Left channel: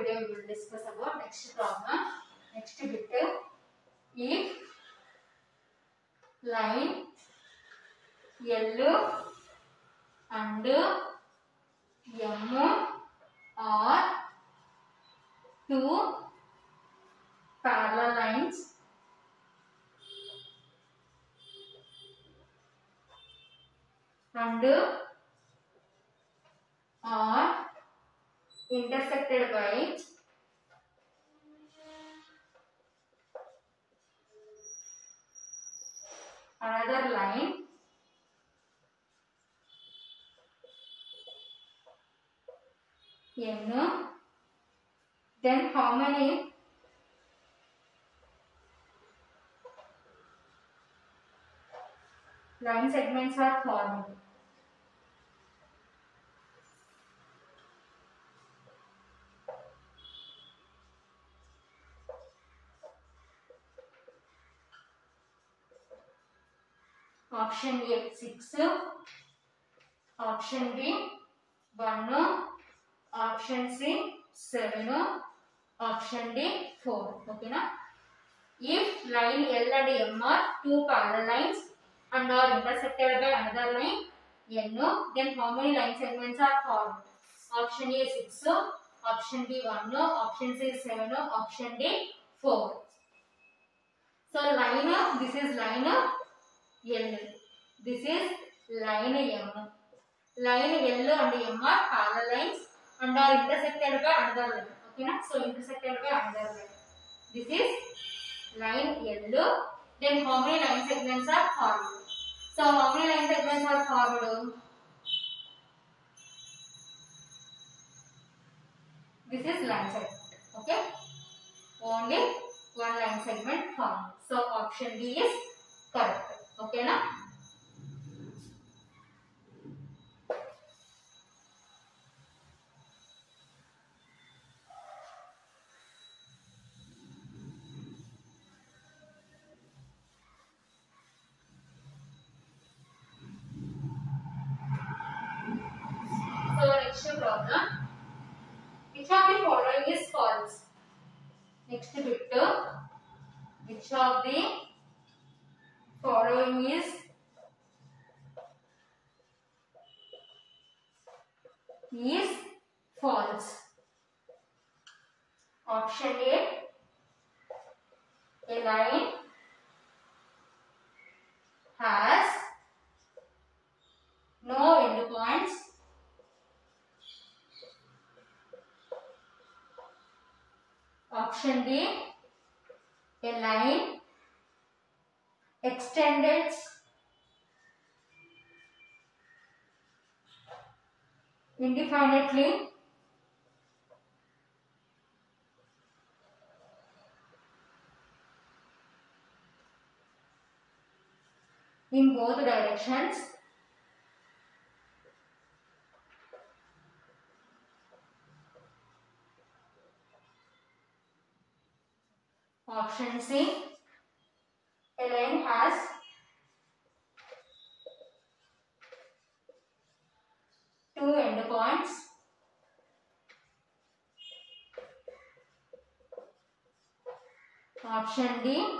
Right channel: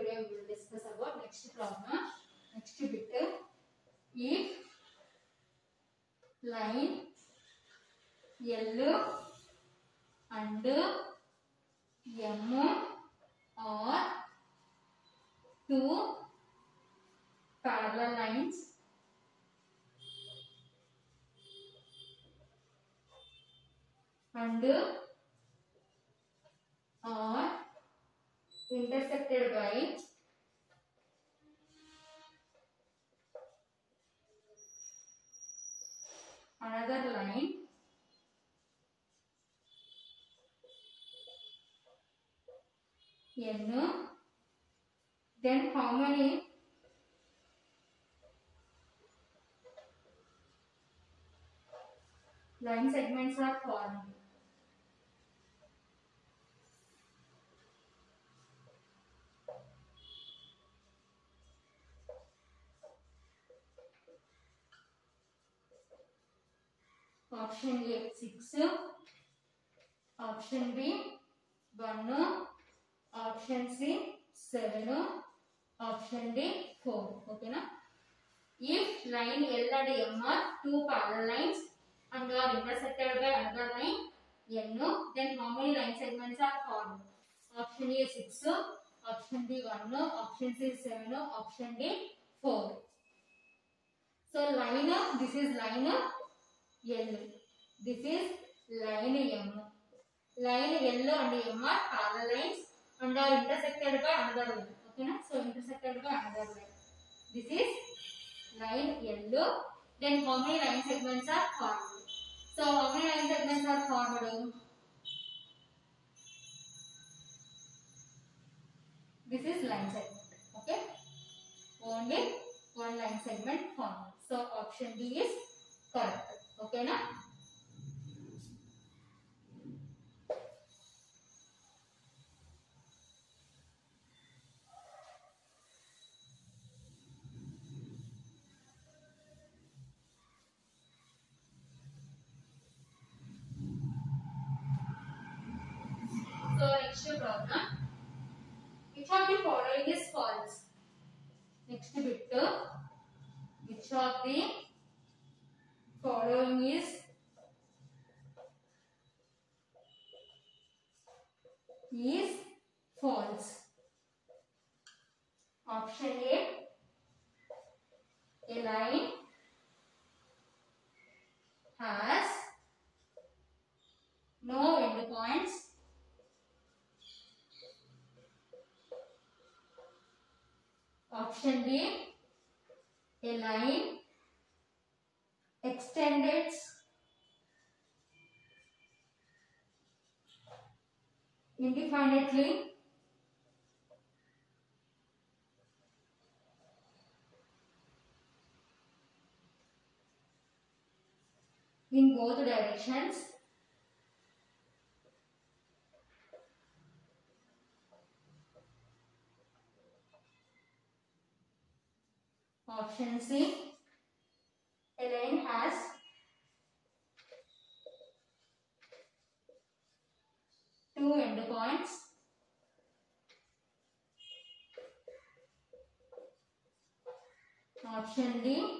today we will discuss about next problem. Next bit. If line L and M are two parallel lines and are intersected by another line N, then how many line segments are formed? Option A 6, option B 1, option C 7, option D 4. Okay na? If line L and M are two parallel lines and are intersected by another line N, then how many line segments are formed? Option A 6, option B 1, option C 7, option D 4. So line, this is line L, this is line M. Line L and M are parallel lines and are intersected by another line. Okay na? So intersected by another line. This is line L. Then how many line segments are formed? So how many line segments are formed? This is line segment. Okay. Only one line segment formed. So option D is correct. Okay na? So next problem. Which of the following is false? Next bit. Which of the following is false? Option A line has no endpoints. Option B, a line extends indefinitely. In both directions. Option C, a line has two endpoints. Option D,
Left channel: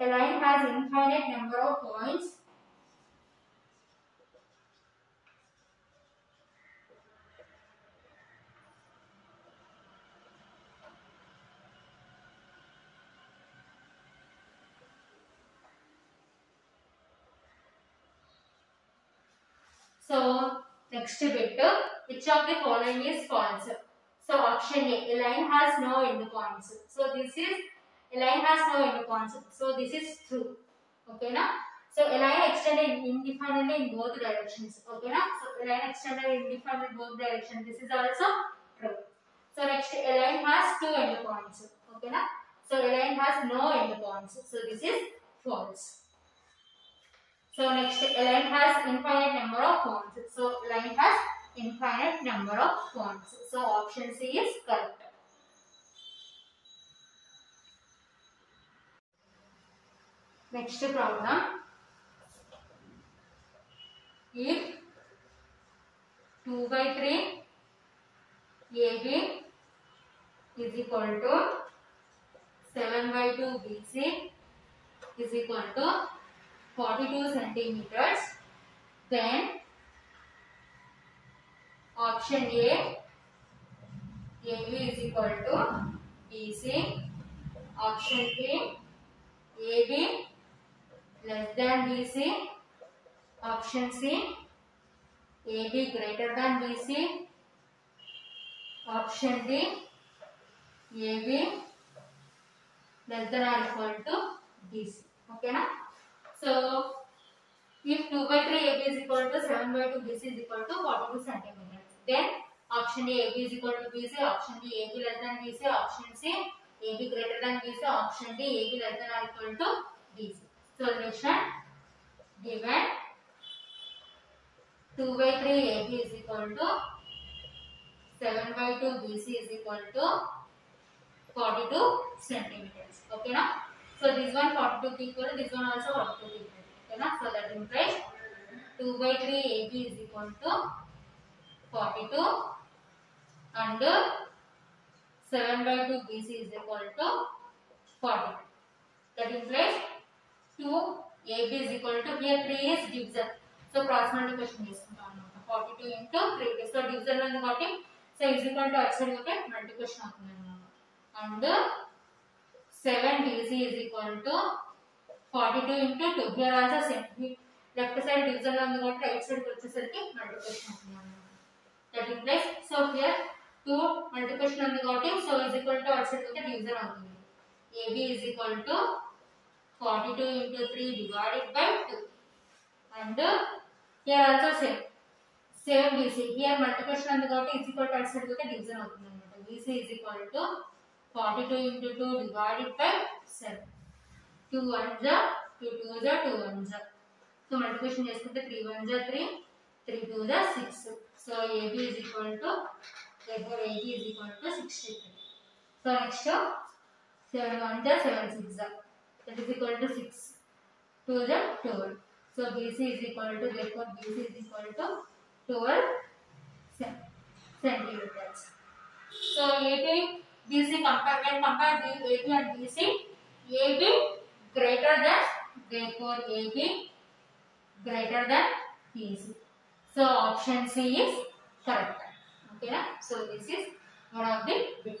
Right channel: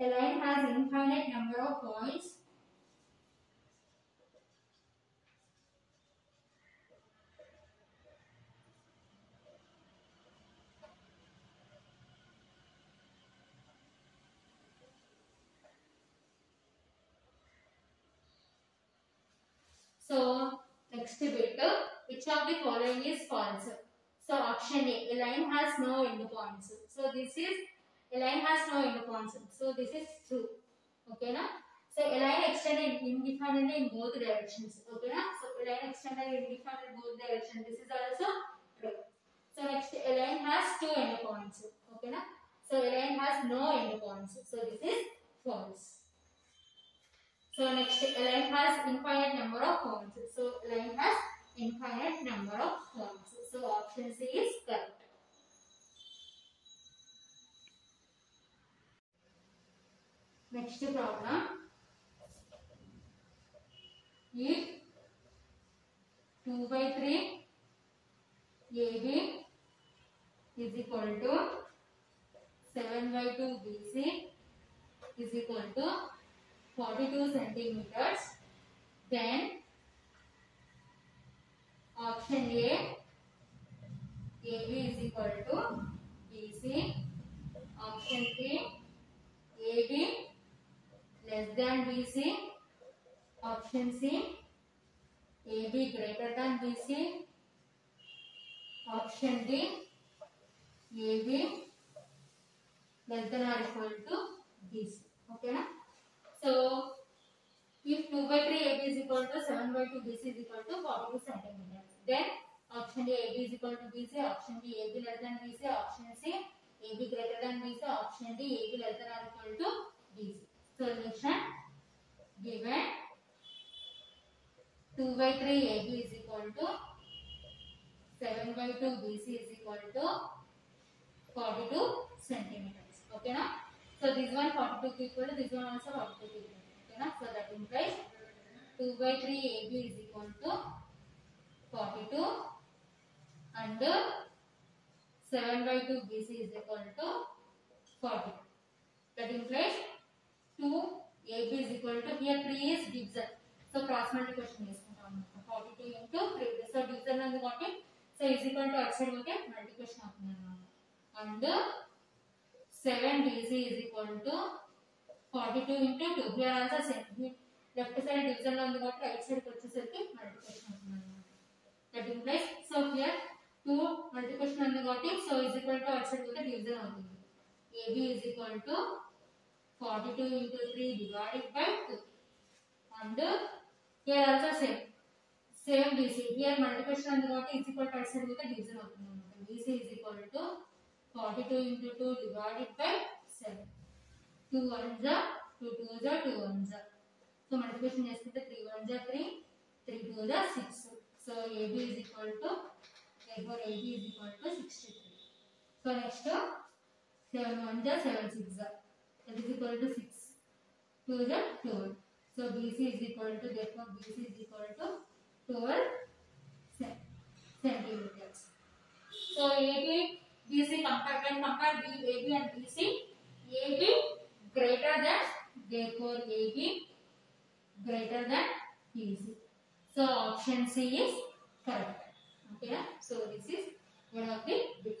a line has infinite number of points. So next bit, which of the following is false? So option A line has no endpoints. So this is a line has no endpoints. So this is true. Okay na? So a line extended indefinitely in both directions. Okay na? So a line extended indefinitely in both directions. This is also true. So next, a line has two endpoints. Okay na? So a line has no endpoints. So this is false. So next, a line has infinite number of points. So line has infinite number of points. So option C is correct. Next problem. If 2/3 AB is equal to 7 by 2 BC is equal to 42 centimeters. Then option A, AB is equal to BC. Option B, AB less than BC. Option C, AB greater than BC. Option D, AB less than or equal to BC. Okay na? So if 2 by 3 AB is equal to 7 by 2 BC is equal to 42 centimeters, then option A, AB is equal to BC. Option B, AB less than BC. Option C, AB greater than BC. Option D, AB less than or equal to BC. Solution given 2 by 3 AB is equal to 7 by 2 BC is equal to 42 centimeters. Okay na? So this one 42 equal to this one also 42 equal. Okay na? So that implies 2 by 3 AB is equal to 42 and 7 by 2 BC is equal to 40. That implies 2 AB is equal to, here 3 is divisor. So cross multiplication is 42 into 3. So divisor and 40. So is equal to outside okay multiplication and 7 BC is equal to 42 into 2. Here also same. Left side division on the right side multiplication. That implies, so here 2 multiplication on the got it, so is equal to outside with the division on the AB is equal to 42 into 3 divided by 2. And here also same BC. Here multiplication on the got is equal to outside with the division on the BC is equal to 42 into 2 divided by 7. 2 1s are 2 2s are 2 1s are. So multiplication is 3 1s are 3, 3 2s are 6. So AB is equal to, therefore AB is equal to 63. So next 7 1s are 7 6s are. That is equal to 6. 2s are 12. So BC is equal to, therefore BC is equal to 12 centimeters. So AB BC when compare AB and BC, AB greater than, therefore AB greater than BC. So option C is correct. Okay, so this is one of the bit.